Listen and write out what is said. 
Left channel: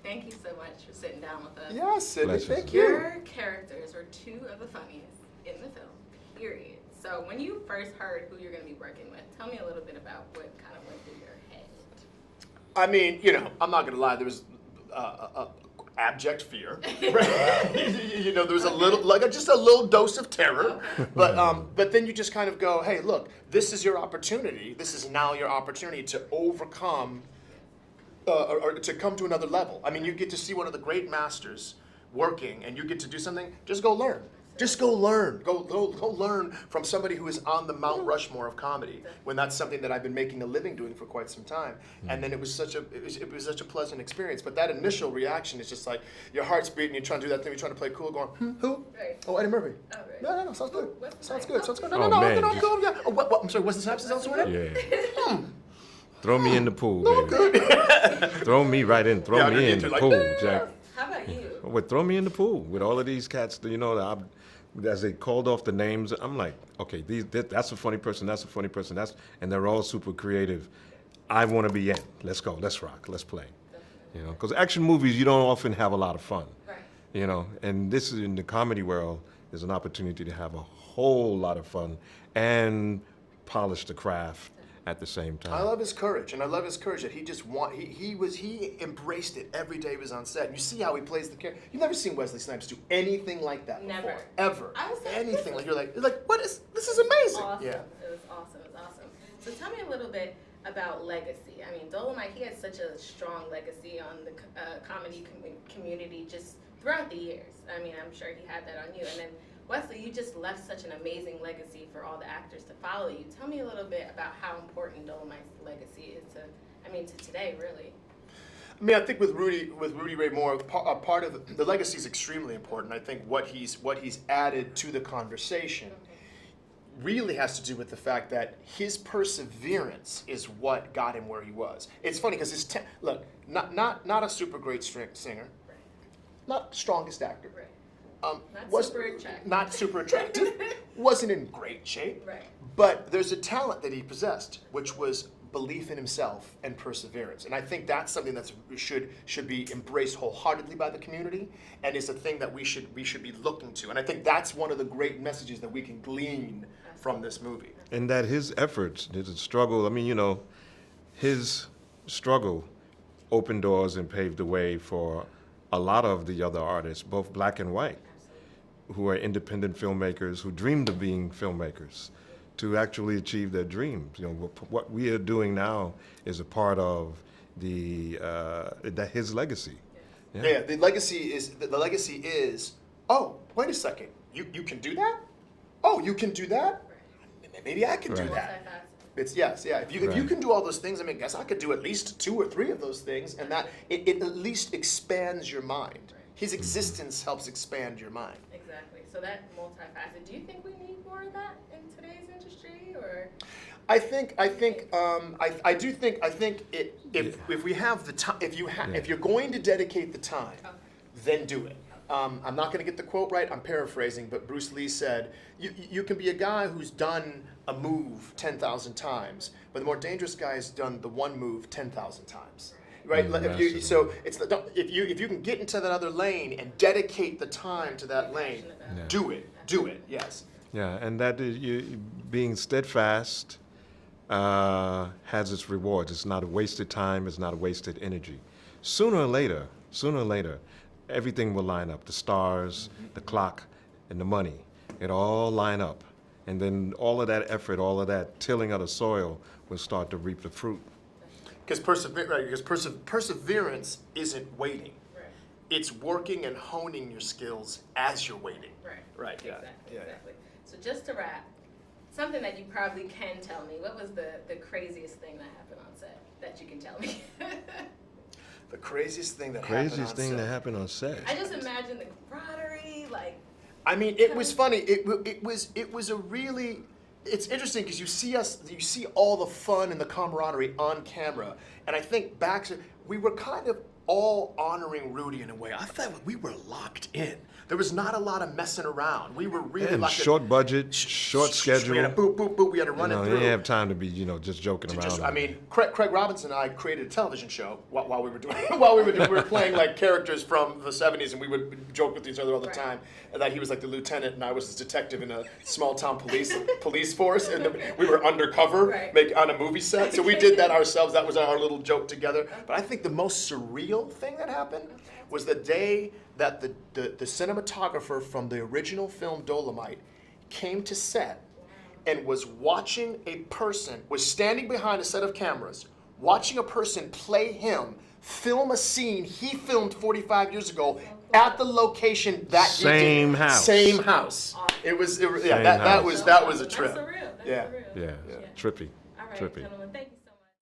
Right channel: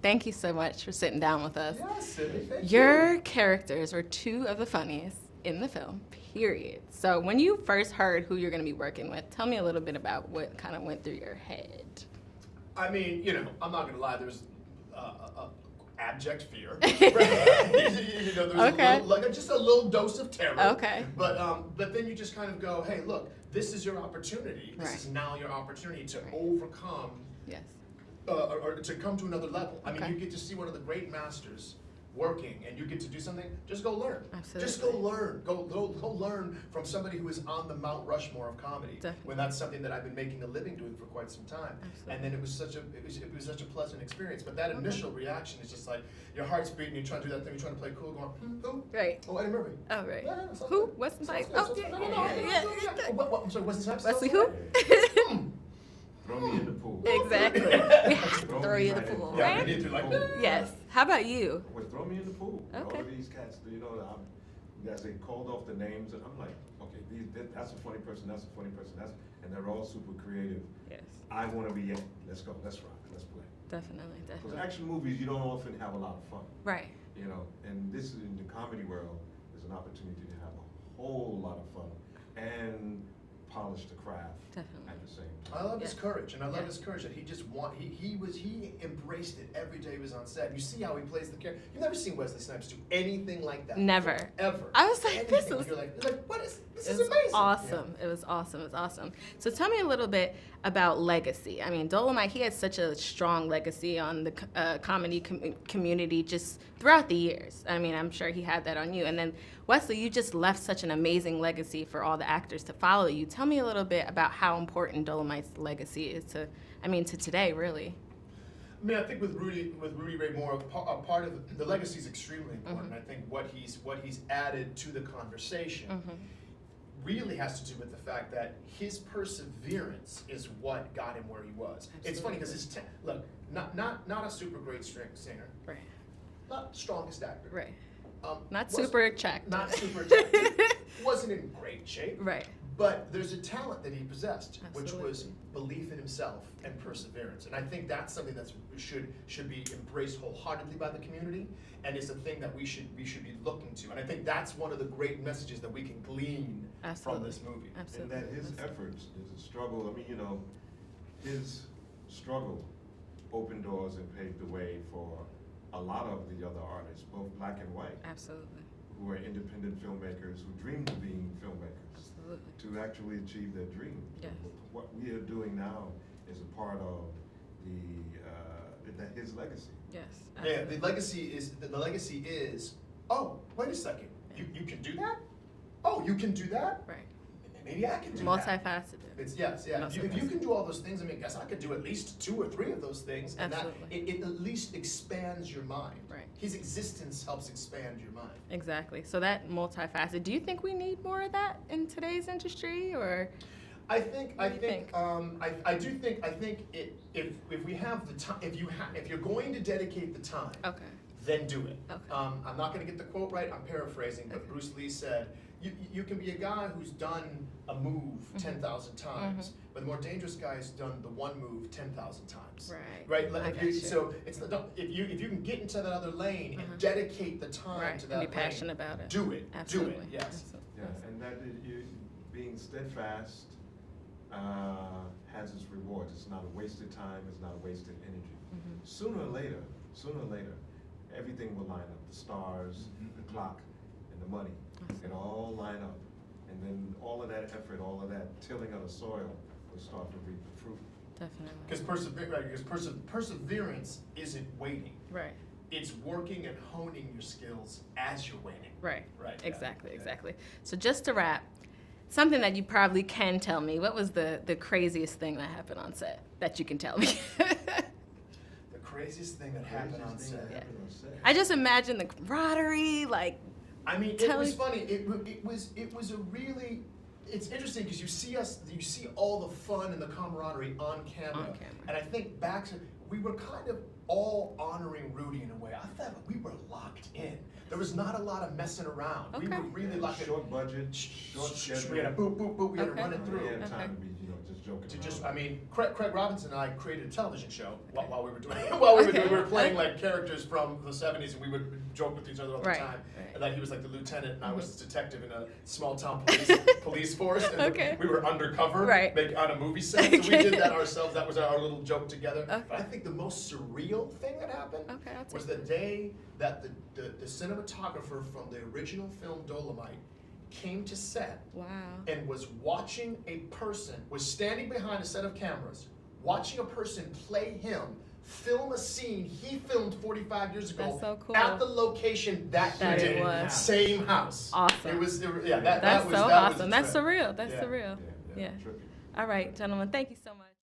Thank you so much for sitting down with us. Yes, Sidney, Pleasure. thank you. Your characters are two of the funniest in the film, period. So when you first heard who you're going to be working with, tell me a little bit about what kind of went through your head. I mean, I'm not gonna lie. There was abject fear. Right? There was a little, like just a little dose of terror. Okay. But then you just kind of go, hey, look, this is your opportunity. This is now your opportunity to overcome, Yes. or to come to another level. I mean, you get to see one of the great masters working, and you get to do something. Just go learn. Absolutely. Just go learn. Go learn from somebody who is on the Mount Rushmore of comedy. Definitely. When that's something that I've been making a living doing for quite some time. And then it was such a pleasant experience. But that initial reaction is just like your heart's beating. You're trying to do that thing. You're trying to play cool. Going, who? Right. Oh, Eddie Murphy. Oh, right. No, sounds Who? good. Wesley Sounds Snipes. good. Oh, Sounds good. yeah. No, Oh, I'm man. good. Yeah. What? I'm sorry. Wesley Snipes. Wesley Sounds who? right. Throw me in the pool. Exactly. Throw me right in. Throw Yeah, me you in do the like pool. that. Yes. How about you? Well, throw me in the pool with all of these cats. As they called off the names, I'm like, okay, that's a funny person. That's a funny person. And they're all super creative. Yes. I want to be in. Let's go. Let's rock. Let's play. Definitely. Because action movies, you don't often have a lot of fun. Right. And this is in the comedy world. There's an opportunity to have a whole lot of fun and polish the craft at the same time. I love his courage, and I love his courage that he just he embraced it every day he was on set. You see how he plays the character. You've never seen Wesley Snipes do anything like that. Never. Before, ever. I was like, this anything. is- You're like, what is this? Is It's amazing. Awesome. Yeah. It was awesome. It was awesome. So tell me a little bit about legacy. I mean, Dolemite, he had such a strong legacy on the comedy community just throughout the years. I mean, I'm sure he had that on you. And then Wesley, you just left such an amazing legacy for all the actors to follow you. Tell me a little bit about how important Dolemite's legacy is to today, really. I mean, I think with Rudy Ray Moore, a part of the legacy is extremely important. I think what he's added to the conversation really has to do with the fact that his perseverance is what got him where he was. It's funny because look, not a super great singer, Right. not strongest actor, Right. Not was- super attractive. not super attractive, wasn't in great shape, Right. but there's a talent that he possessed, which was belief in himself and perseverance. And I think that's something that should be embraced wholeheartedly by the community, and is a thing that we should be looking to. And I think that's one of the great messages that we can glean from Absolutely. this movie. And that his efforts, his struggle, his struggle opened doors and paved the way for a lot of the other artists, both black and white, Absolutely. who are independent filmmakers who dreamed of being filmmakers, to actually achieve their dreams. What we are doing now is a part of his legacy. Yes. Yeah, the legacy is. Oh, wait a second. You can do that? Oh, you can do that? Right. Maybe I can do Right. that. Multifaceted. It's yes, yeah. If you Right. can do all those things, I mean, I guess I could do at least 2 or 3 of those things, and that it at least expands your mind. Right. His existence helps expand your mind. Exactly. So that multifaceted. Do you think we need more of that in today's industry, or? I do think if we have the time, if you're going to dedicate the time, Okay. then do it. Okay. I'm not going to get the quote right. I'm paraphrasing, but Bruce Lee said, "You can be a guy who's done a move 10,000 times, but the more dangerous guy has done the one move 10,000 times." Right. Like, if you can get into that other lane and dedicate the time to that Be lane, passionate about it. do it. Absolutely. Do it. Yes. Yeah, and that is, being steadfast has its rewards. It's not a wasted time. It's not a wasted energy. Sooner or later, everything will line up. The stars, the clock, and the money. It all line up. And then all of that effort, all of that tilling of the soil will start to reap the fruit. Definitely. Because perseverance isn't waiting. Right. It's working and honing your skills as you're waiting. Right. Right, yeah. Exactly. Yeah. Exactly. So just to wrap, something that you probably can tell me. What was the craziest thing that happened on set that you can tell me? The craziest thing that happened on set. I just imagine the camaraderie, like. I mean, it was funny. It was a really. It's interesting because you see all the fun and the camaraderie on camera, and I think we were kind of all honoring Rudy in a way. I thought we were locked in. There was not a lot of messing around. We Okay. were really And locked in. short budget, short schedule. We had to boop, boop, boop. We had to You run know, it you through. didn't have time to be, just joking To around. just, I mean, Craig Robinson and I created a television show while we were doing we were playing like characters from the '70s, and we would joke with each other all the Right. time. And that he was like the lieutenant, and I was his detective in a small town police force, and Okay. we were undercover, Right. on a movie set. So we did that ourselves. That was our little joke together. Okay. But I think the most surreal thing that happened Okay, that's was the day that the cinematographer from the original film Dolemite came to set Wow. and was watching a person, was standing behind a set of cameras, watching a person play him, film a scene he filmed 45 years ago That's so cool. at the location that he did. Same house. Same house. Awesome. It was Same that house. was So that was awesome. a trip. That's surreal. That's Yeah. surreal. Yeah, Yeah. trippy. All right, Trippy. gentlemen. Thank you.